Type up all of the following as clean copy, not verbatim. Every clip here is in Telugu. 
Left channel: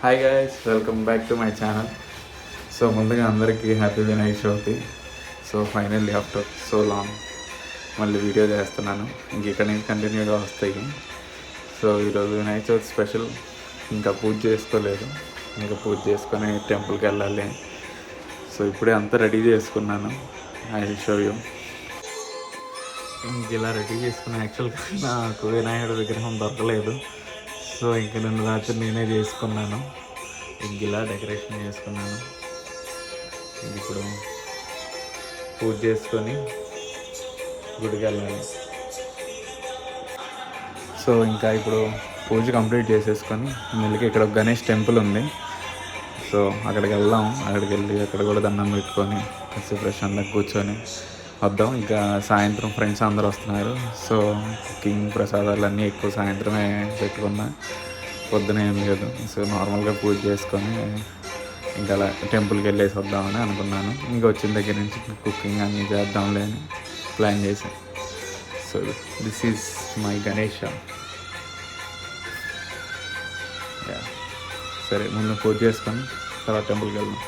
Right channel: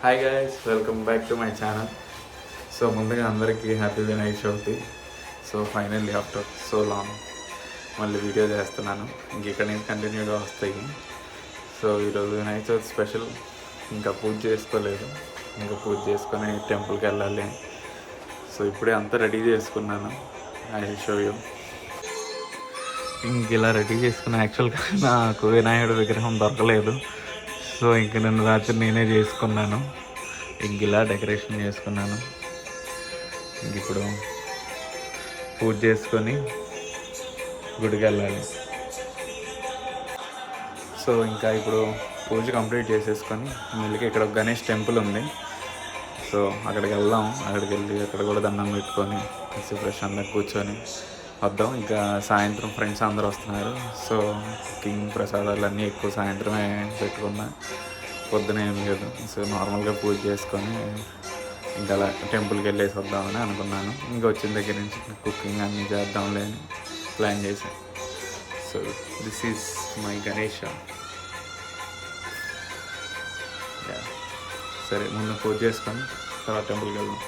Hi guys, welcome back to my channel. So ముందుగా అందరికీ happy Vinayaka Chavithi. So finally after so long మళ్ళీ వీడియో చేస్తున్నాను. ఇంక ఇక్కడ నుంచి కంటిన్యూగా వస్తాయి. సో ఈరోజు వినాయక చవితి స్పెషల్. ఇంకా పూజ చేసుకోలేదు, ఇంకా పూజ చేసుకొని టెంపుల్కి వెళ్ళాలి. సో ఇప్పుడే అంతా రెడీ చేసుకున్నాను. I will show you. ఇంక ఇలా రెడీ చేసుకున్న యాక్చువల్గా నాకు వినాయకుడి విగ్రహం దొరకలేదు. సో ఇంక నిన్న రాత్రి నేనే చేసుకున్నాను. ఇంక ఇలా డెకరేషన్ చేసుకున్నాను. ఇంక ఇప్పుడు పూజ చేసుకొని గుడికి వెళ్ళాలి. సో ఇంకా ఇప్పుడు పూజ కంప్లీట్ చేసేసుకొని మళ్ళీ ఇక్కడ ఒక గణేష్ టెంపుల్ ఉంది. సో అక్కడికి వెళ్దాం. అక్కడికి వెళ్ళి అక్కడ కూడా దండం పెట్టుకొని కాసేపు ప్రశాంతంగా కూర్చొని వద్దాం. ఇంకా సాయంత్రం ఫ్రెండ్స్ అందరూ వస్తున్నారు. సో కుకింగ్ ప్రసాదాలు అన్నీ ఎక్కువ సాయంత్రమే పెట్టుకున్నా, పొద్దున ఏం లేదు. సో నార్మల్గా పూజ చేసుకొని ఇంకా అలా టెంపుల్కి వెళ్ళేసి వద్దామని అనుకున్నాను. ఇంకా వచ్చిన దగ్గర నుంచి కుకింగ్ అన్నీ చేద్దాంలే అని ప్లాన్ చేశాను. So this is my Ganesha. సరే, ముందు పూజ చేసుకొని తర్వాత టెంపుల్కి వెళ్దాం.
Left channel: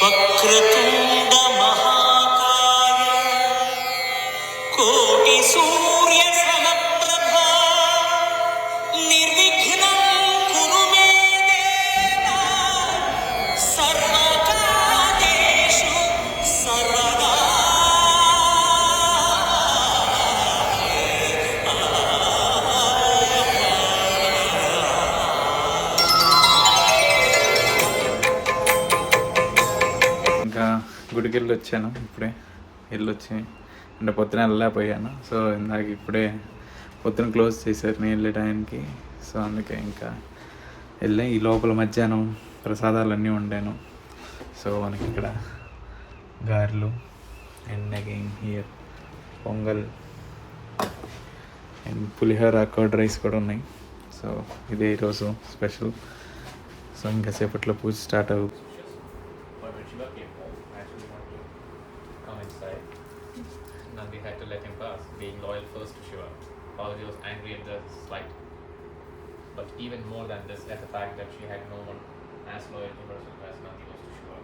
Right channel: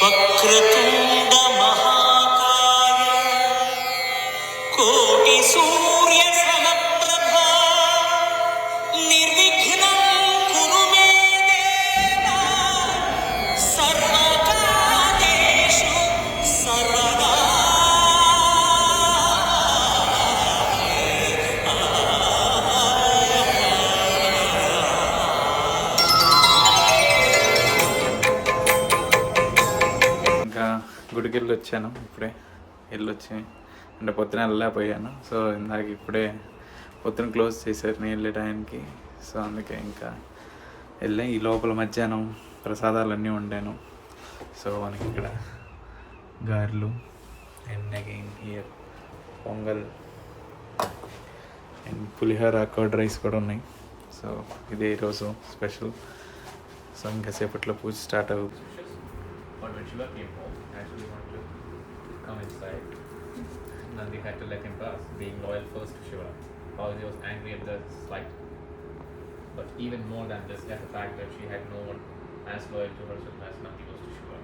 వక్రతుండ మహాకాయ కోటి సూర్య సమప్రభ నిర్విఘ్నం కురు మే దేవ సర్వకార్యేషు సర్వదా. ఇంకా గుడికి వెళ్ళి వచ్చాను. ఇప్పుడే వెళ్ళొచ్చి అంటే పొద్దున వెళ్ళలేకపోయాను. సో ఇందాక ఇప్పుడే పొద్దున క్లోజ్ చేశారు నేను వెళ్ళే టైంకి. సో అందుకే ఇంకా వెళ్ళి ఈ లోపల మధ్యాహ్నం ప్రసాదాలన్నీ వండాను. సో మనకి ఇక్కడ గారెలు and again here pongal and pulihora curd rice కూడా ఉన్నాయి. సో ఇదే ఈరోజు స్పెషల్. సో ఇంకా సేపట్లో పూజ స్టార్ట్ అవుతుంది. Shiva came home, actually wanted to come inside. Nandi had to let him pass, being loyal first to Shiva. Parvati was angry at the slight, but even more than this, at the fact that she had no one as loyal to herself as Nandi was to Shiva.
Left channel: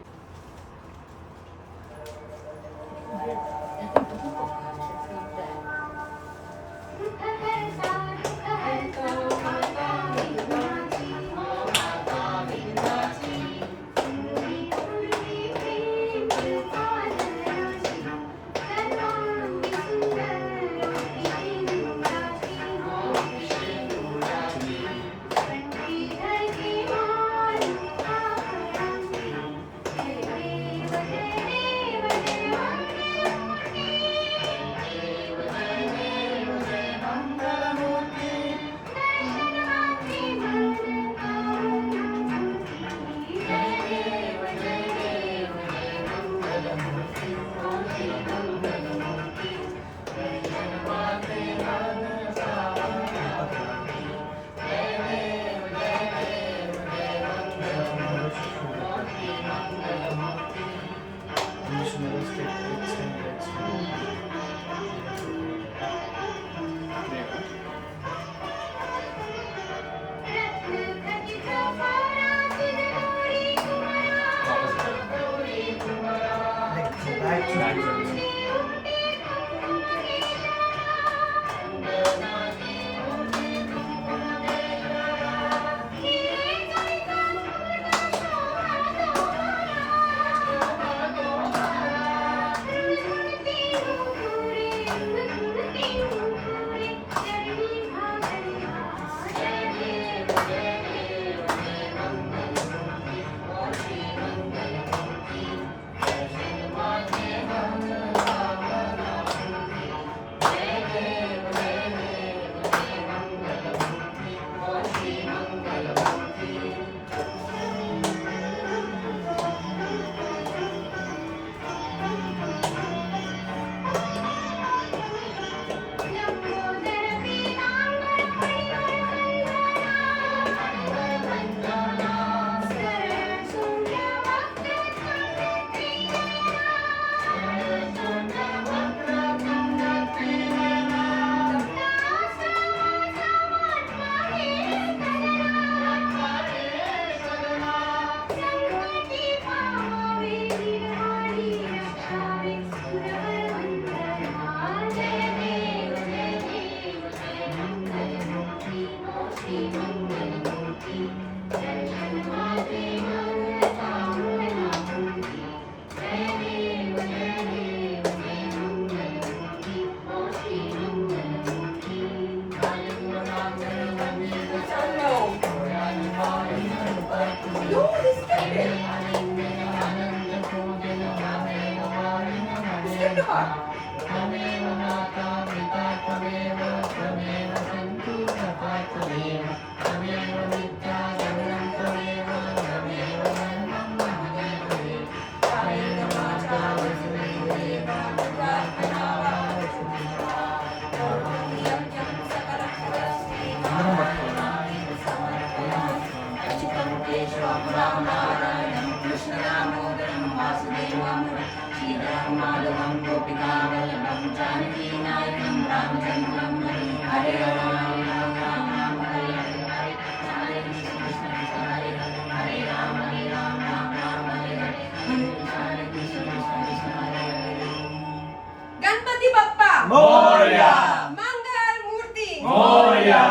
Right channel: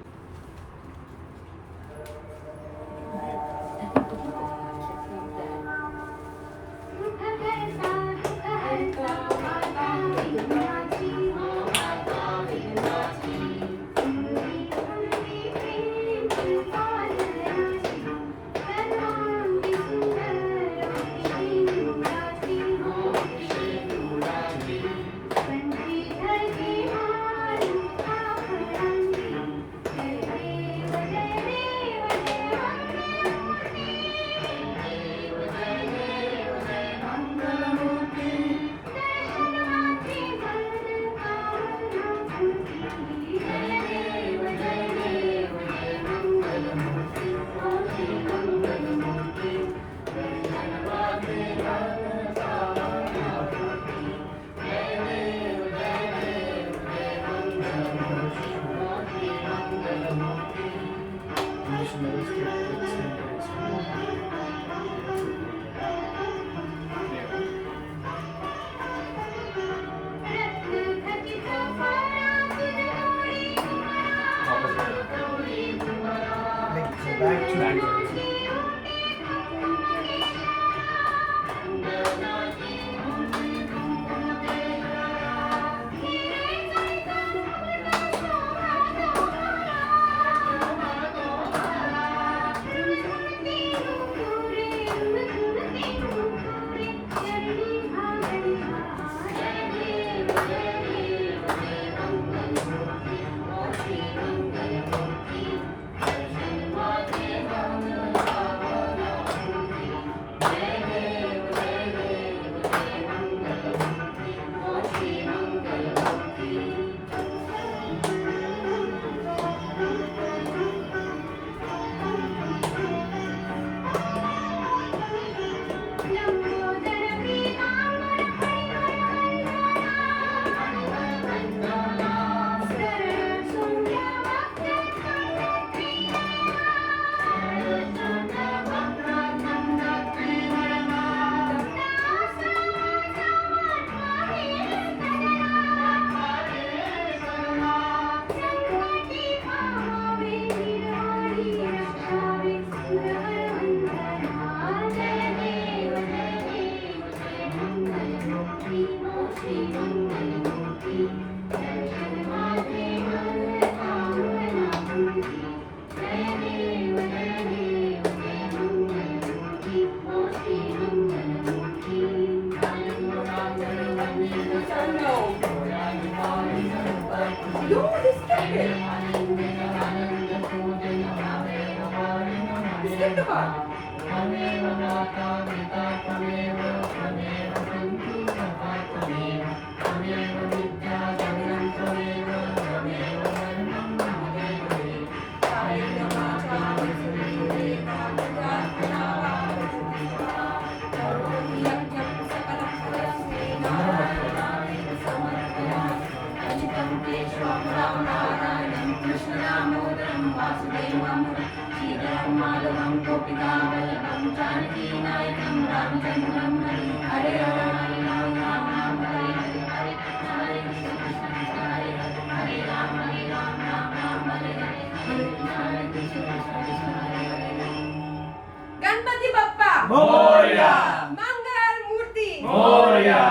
Ganpati Bappa Morya, मंगल मूर्ति मोरया,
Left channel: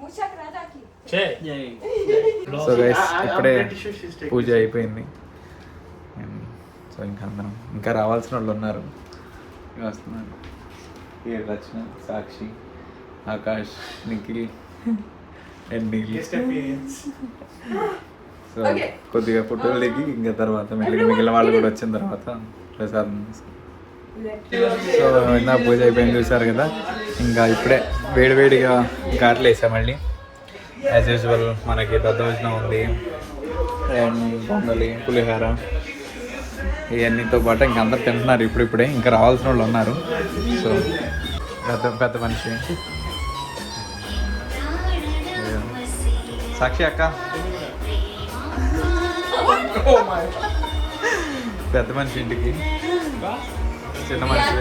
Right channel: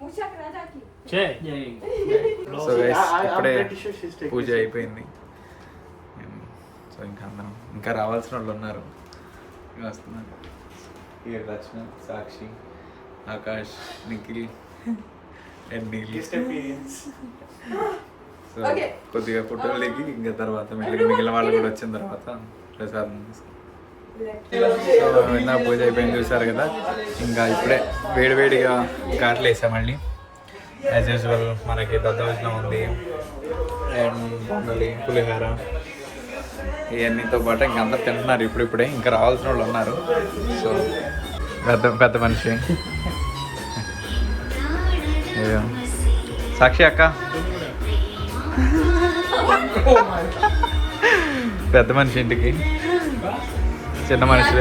मूषक राजा की సో గైస్ ఇప్పుడే పూజ అయిపోయింది. సో ఇంకా అందరం ఇంకా రావాల్సిన వాళ్ళు ఉన్నారు, ఇంకా వస్తున్నారు. ఇక రచన, సాక్షి, ఆకాష్, నిఖిల్ అండ్ నీల్. సో కొద్దిగా ఫోటోలు దిగి ఇంకా తర్వాత మిగిలిన వాళ్ళు కూడా వచ్చిన తర్వాత ప్రసాదం తీసుకుంటాం. సో ఇందా పూజ అయిపోయింది చూసారు కదా. ఇంకా ఇప్పుడే వేడివేడిగా ఘాట్లు వేసాం మళ్ళీ. యాజ్ యూజువల్ మనకి దద్దోజనం ఉంది అండ్ పొంగలి, పులిహోర ఇవన్నీతో పాటు ఇంకా అందరు తింటున్నారు ఇప్పుడిప్పుడే. ఇంకా రావాల్సిన వాళ్ళు ఉన్నారు. సో పెద్ద మనిషి సాక్షి అక్క, పెద్ద మనిషి ఇంటికి చిన్న మనిషి.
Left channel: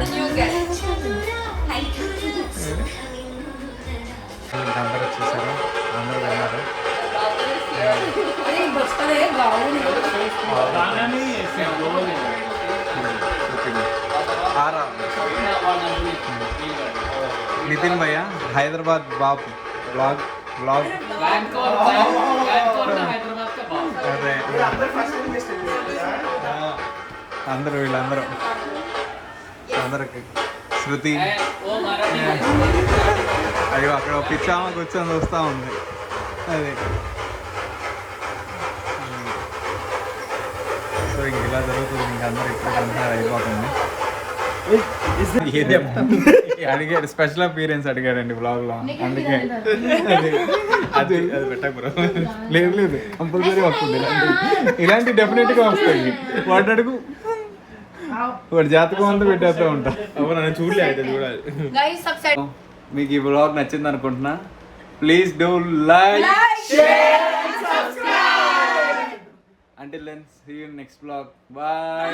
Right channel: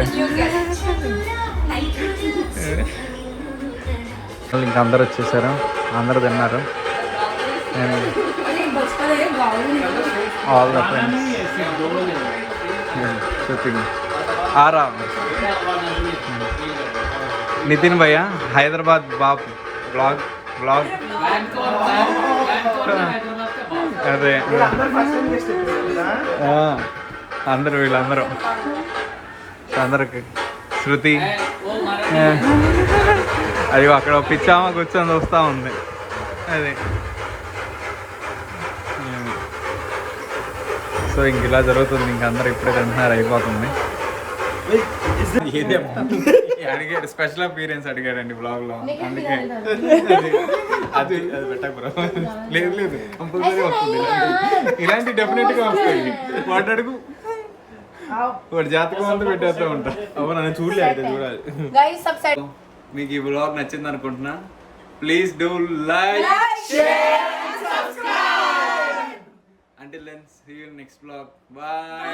ఇంకా అందరు వచ్చేసారు, అందరు తిన్నారు. ఆరా నితిన్ భయ్య హైదరాబాద్ బాబు బ్లాగ్ అదే అందరూ వీళ్ళందరూ అందరికి శృతి అయ్యో అక్కడ పిచ్చామా కూర్చొని చూస్తూ ఉంది. అది సో ఇంక ఇలా జరుగుతుంది. ఇంక అందరు ఇప్పుడే తింటున్నారు, అయిపోతుంది. అడిగాడు, స్పెషల్ అపీరియన్స్ అడిగాడండి బ్లాగ్ లో, అందుకే అది పెట్టా బ్రో. లేదు కంపల్సరీ వస్తుంది, ఇలాంటి డెఫినెట్ గా వస్తాయి. వాటి అడుగు వాడి జాతకం అంతా పెట్టేస్తూ ఉంటా. అవును చూడలేదు, చూడాలి. మీకు ఈ బ్లాగ్ నచ్చింది అనుకుంటున్నా. Please do like, share, subscribe. Until then, see you in next vlog. Bye.